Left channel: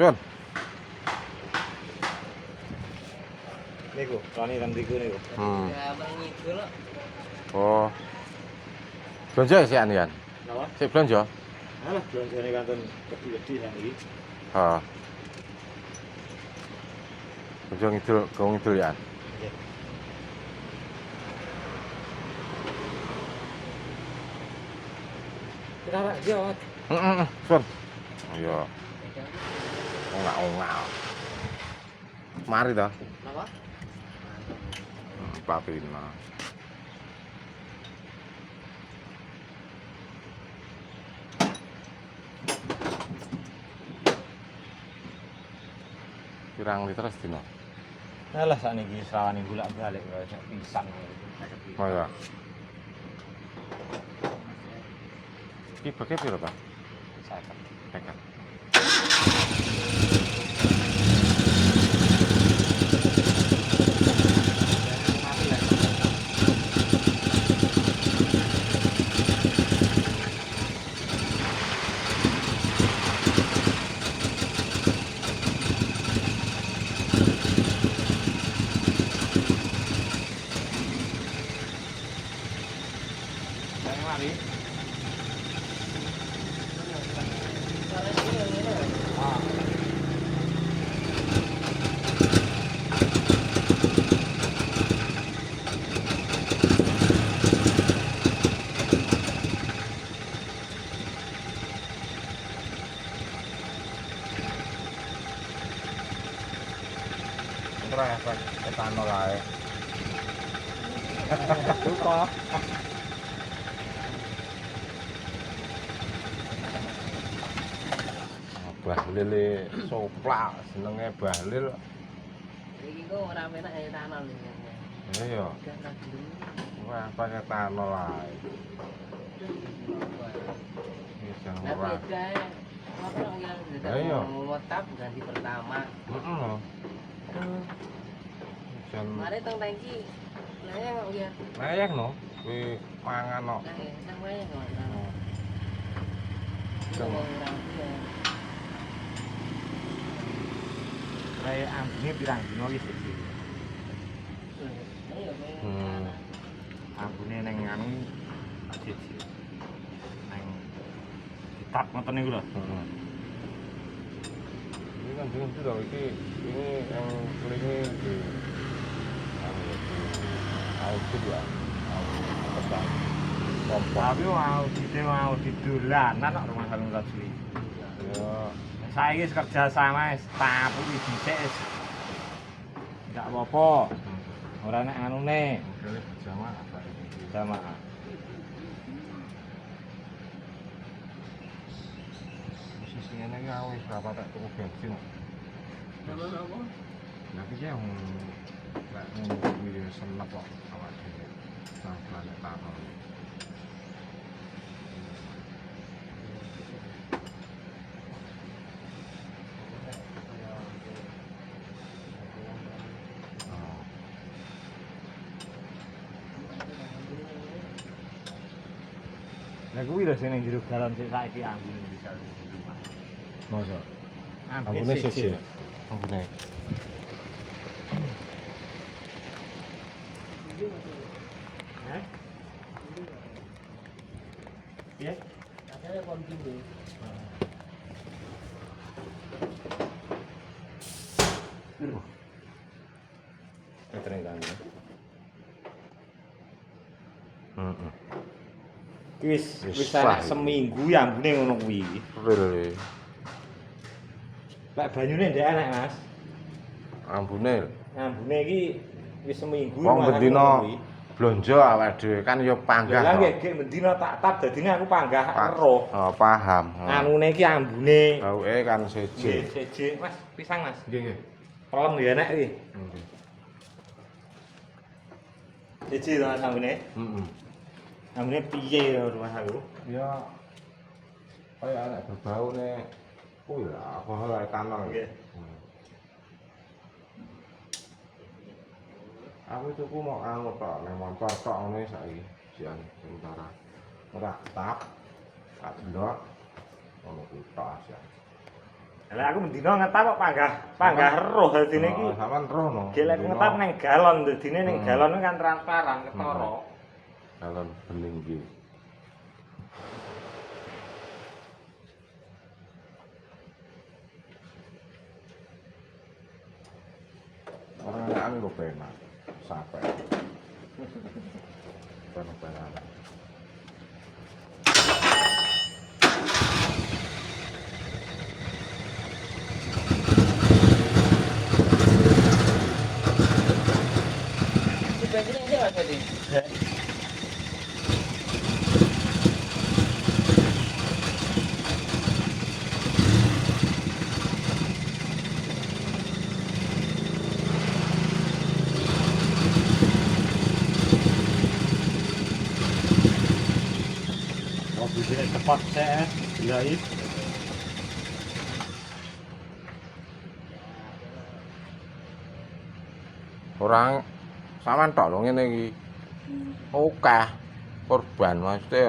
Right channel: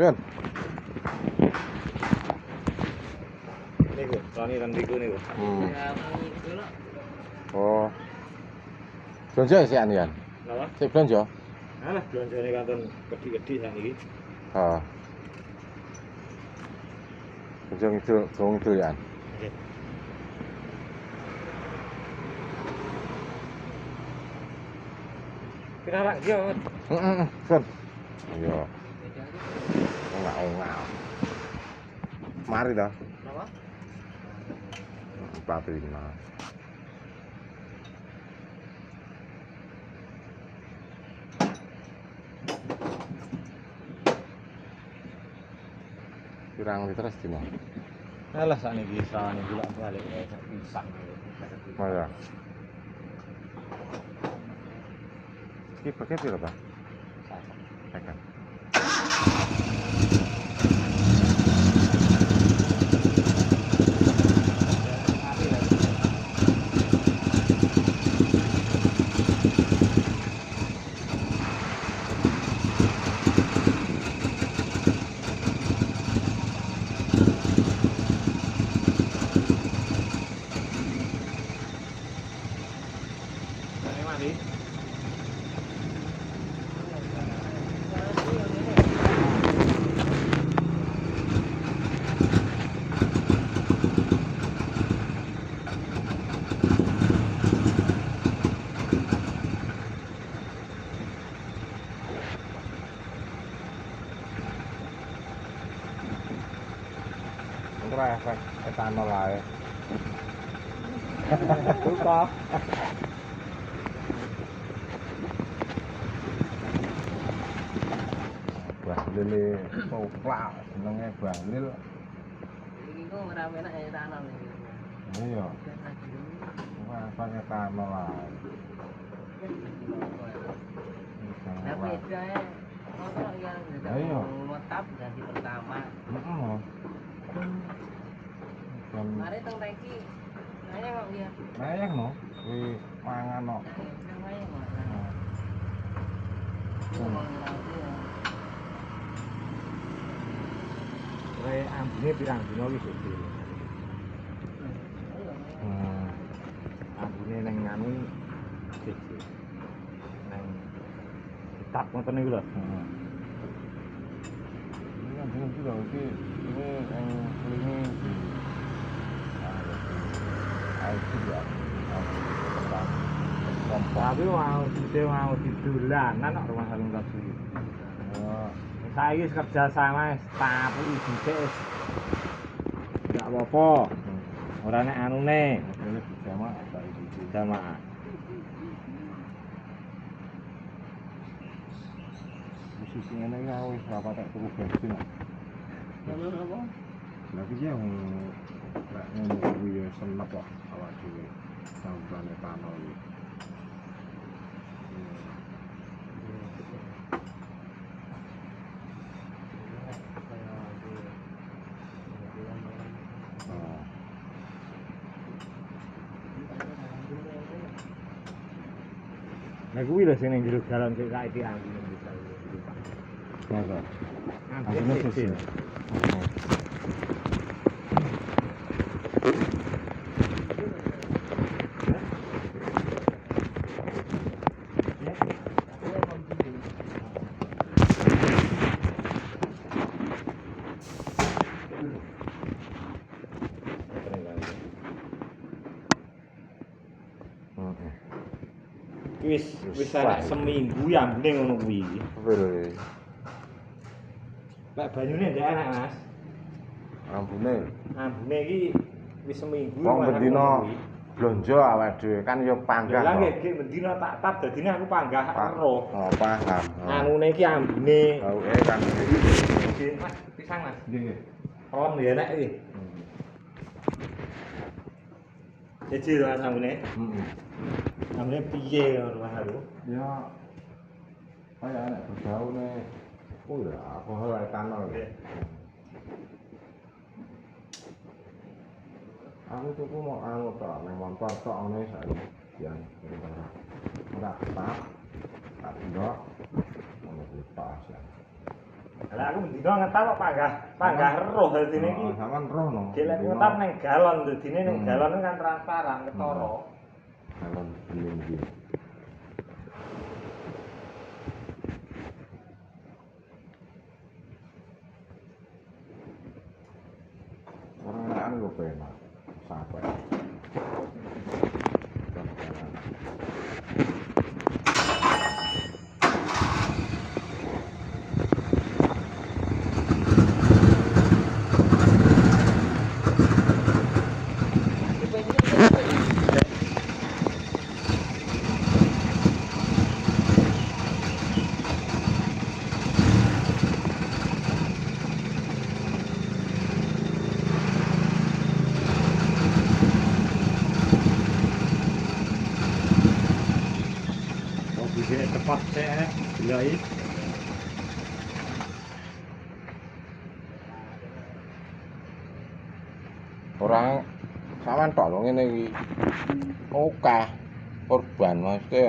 Sun. Niku, lani lan niku niku. Oh. Belanja sih anian. Napa? Sik belanja. Alah belanjane kanten gede-gede sak iki. Heeh. Belanja ngidul, gawang ngidul ya. Nggih. Kenapa dia? Sun. Iya. Ngau-ngau. Mari dah. Napa? Papi mah. Pirang liter dino. Alah sakniki sawani bolak-balik kayak pisang. Oh ya. Iki pakai piro, Pak? Saya. Pakai. Ora efek etanol ae. Buka. Bahlil soplak senenge bahlil. Iki kok ora menak ya tanam iki. Iya. Ora pakai etanol ae. Bisa Lah ora. bedae motor yang Ayo. motap ganti pertama. Heeh. Jan Mare tong tangki. Lah ya kok ya. layang no, kuwi mangan no. Nah, nang wae ngono. Ora ambune pirang dino iki sih. Ambune ning anu siji. Ning kitab ngoten niku lho. Heeh. Ini kan jeneng itu iki yang ini di Tapi mau mau didolanan kok rumah salon Rasuli. Saiki kerja sama tapi dhisik enggak apa-apa. Ora nek anune ini berjamaah dari itu. jamaah. Posisi ini ya wis berapa tak tuku bensin. Nomor apa? Lagi dia yang nek ngono kuwi ya senep kok awak dhewe. Sampai etanol. Nek kuwi lho sing ning jero dalan sik saiki anggone bisa. Masa? Ambune siji. Wis enak seminggu ya ambune ngono kuwi. Betul. Lek banyune ndek enak, Mas. Ambune. Ambune iki wis seminggu Wong bendina blonjo awake dhewe kan ya panggah. Lah nggih nggih bendina tak tap dadine aku panggah weruh. Oh, paham. Anune iki ambune. Awake kan Siji, Mas, pisang, Mas. nggih nggih. Pelem ya enak iki. Siji lho Mas ambune. Heeh. Ambune piye lho Mas aku? Ya kaya nek berbaune kuwi lah apa etanol. Nggih. Aku tuku mau anu tok, nek motor tok ngene saiki sian sementara. Ora ketak. Tak ndok. Ono tok aja. Lah aku mendino ngetap kok panggah roh dadine iki. Sampeyan rono. Gelek ngetap ning galon dadine ning galon kan transparan ketara. Galon bening iki. Orang gue penak sampai. Sini cepat saya bilai. Orang sampean tok lho ngene iki. Oke. Korban mesti.